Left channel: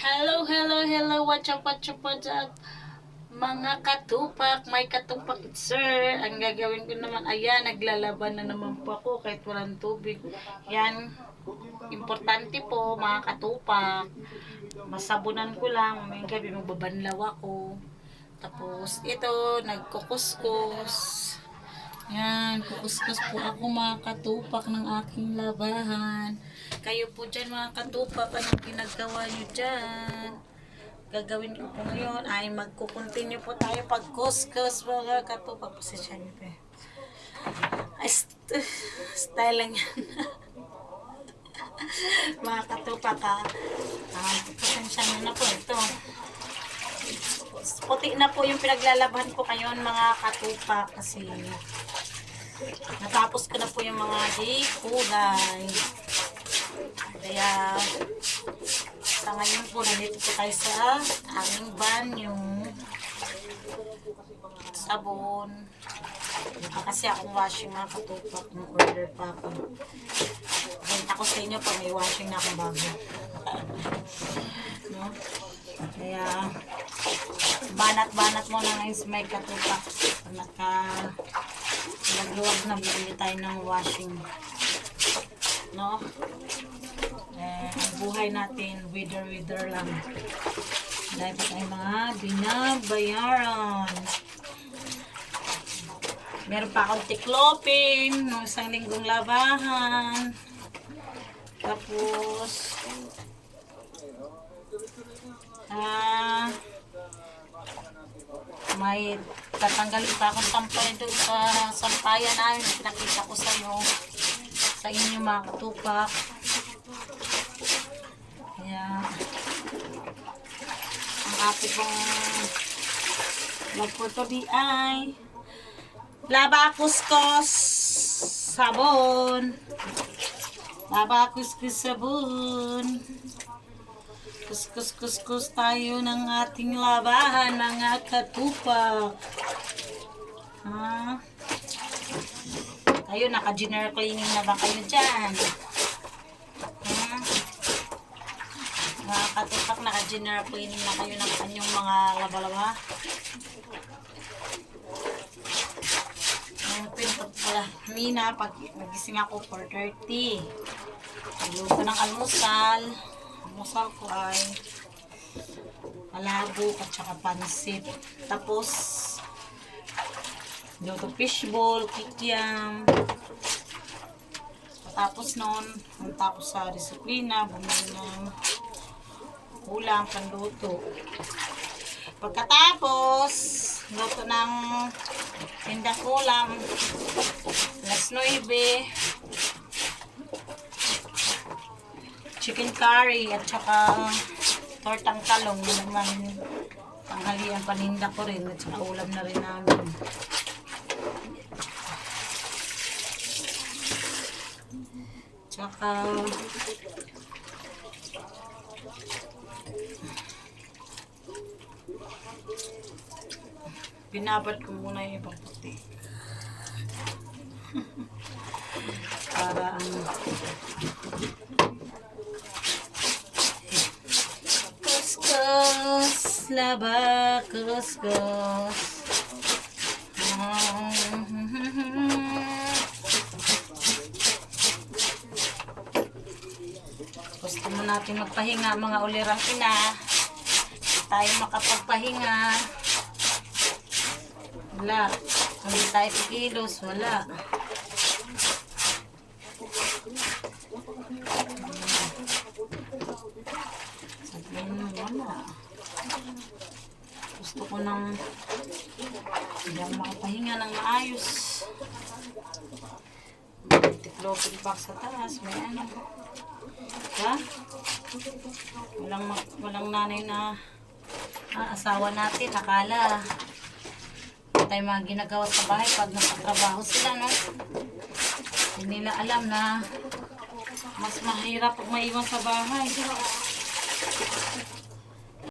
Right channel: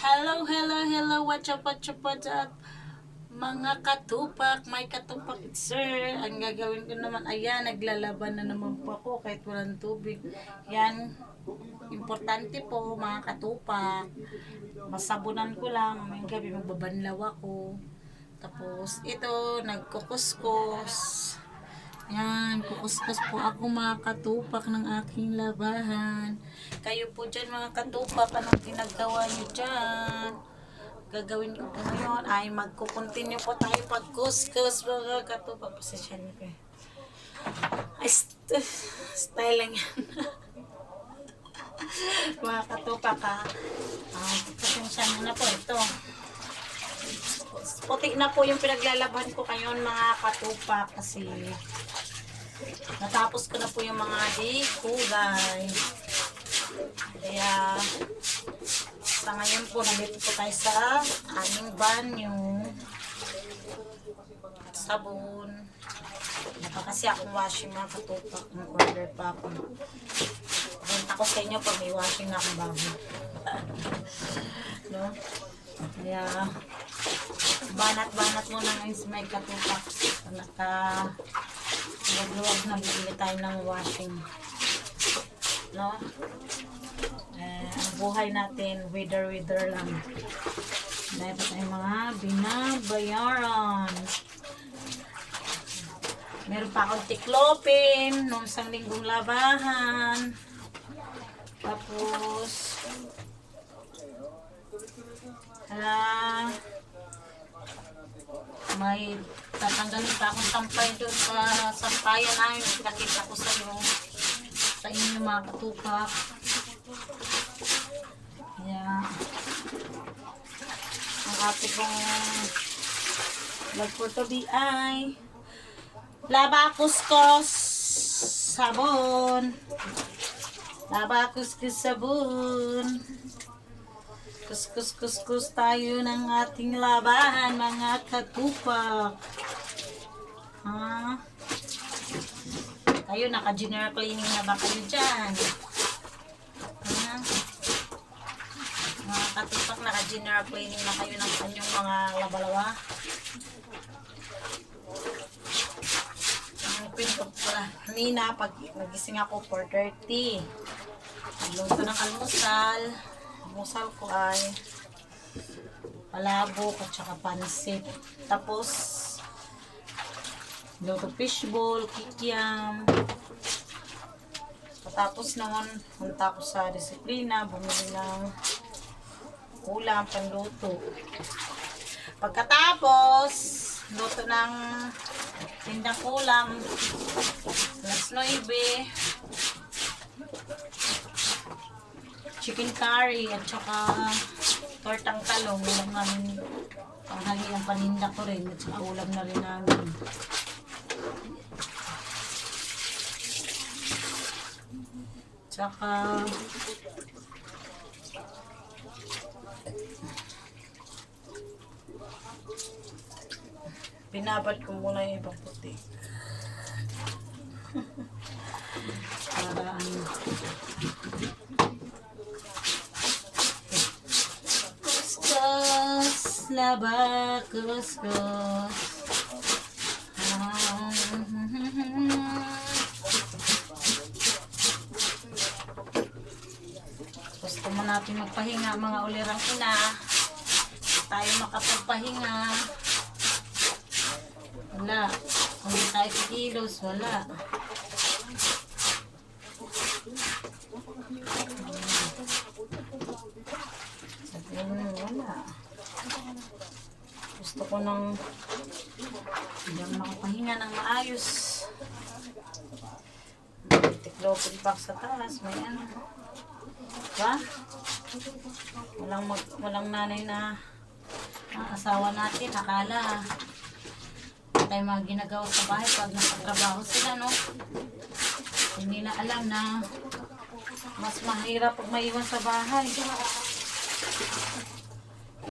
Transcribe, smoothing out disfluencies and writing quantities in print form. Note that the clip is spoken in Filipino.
Hello, hello, hello, what's up, mga katupak, may katupak sir. Ang gagawin ko naman, ayan, naglalaban na naman po ako kahit walang tubig. Yan, importante po mga katupak, masabunan ko lang, may gabi magbabanlaw ako. Tapos ito, nagkukuskus. Yan, kukuskus po ako mga katupak ng aking labahan. Kayo po dyan mga katupak, anong ginagawa nyo dyan? Gagawin ko po yun ay magkukontinue po tayo pag-kuskus mga katupak. Pasensya nyo pa ay, style lang yan. Mga katupak pasensya nyo na po ito. Puti na po yung pinaglalaban ko ngayon mga katupak kasi natapos ko na po yung mga kulay. Kaya sa ngayon po nandito po tayo sa aming banyo. Sabon. Wala kasi akong washing mga katupak. Order pa ako. Renta ko sa inyo pag may washing na akong bago. No? Kaya banat-banat mo na ngayon sa may katupak. Naka-luwag na bibili tayo ng washing. No? Ang buhay natin, wither lang. Dahil pa tayo mga binabayaran. Meron pa akong tiklopin nung isang linggong labahan. Tapos may tatanggalin pa akong tampay doon sa sampayan namin. Pinakita ko sa inyo mga katupak. Kaya ang ating pong vlog for today ay laba kuskus sabon. Laba kuskus sabon. Kuskus tayo ng ating labahan, mga katupak. Kayo, naka-general cleaning na ba kayo dyan? Mga katupak, naka-general cleaning na kayo ng kanyang mga laba-laba? Ang pinto pala. Kanina, pag nagising ako 4:30. Nagluto ng almusal. Almusal ko ay palabok at saka pansit. Tapos luto fishball, kikiam. Tapos noon, punta ko sa disiplina, bumili ng ulam, panluto. Pagkatapos, luto ng tindang ulam, alas 9, chicken curry at saka tortang talong naman tanghalian paninda ko rin at saka ulam na rin namin. Tsaka binabad ko muna yung ibang puti para kuskus laba kuskus. Gusto mo natin magpahinga mga ulirang ina. Tayo makapagpahinga. Wala. Hindi tayo kikilos. Wala. Sabihin mo, wala. Gusto ko nang hindi makapahinga ng maayos. May tiklopin pa sa taas. May ano. Diba? Walang nanay na asawa natin. Akala tayo mga ginagawa sa bahay pag nakatrabaho sila, no? Hindi nila alam na mas mahirap pag maiwan sa bahay.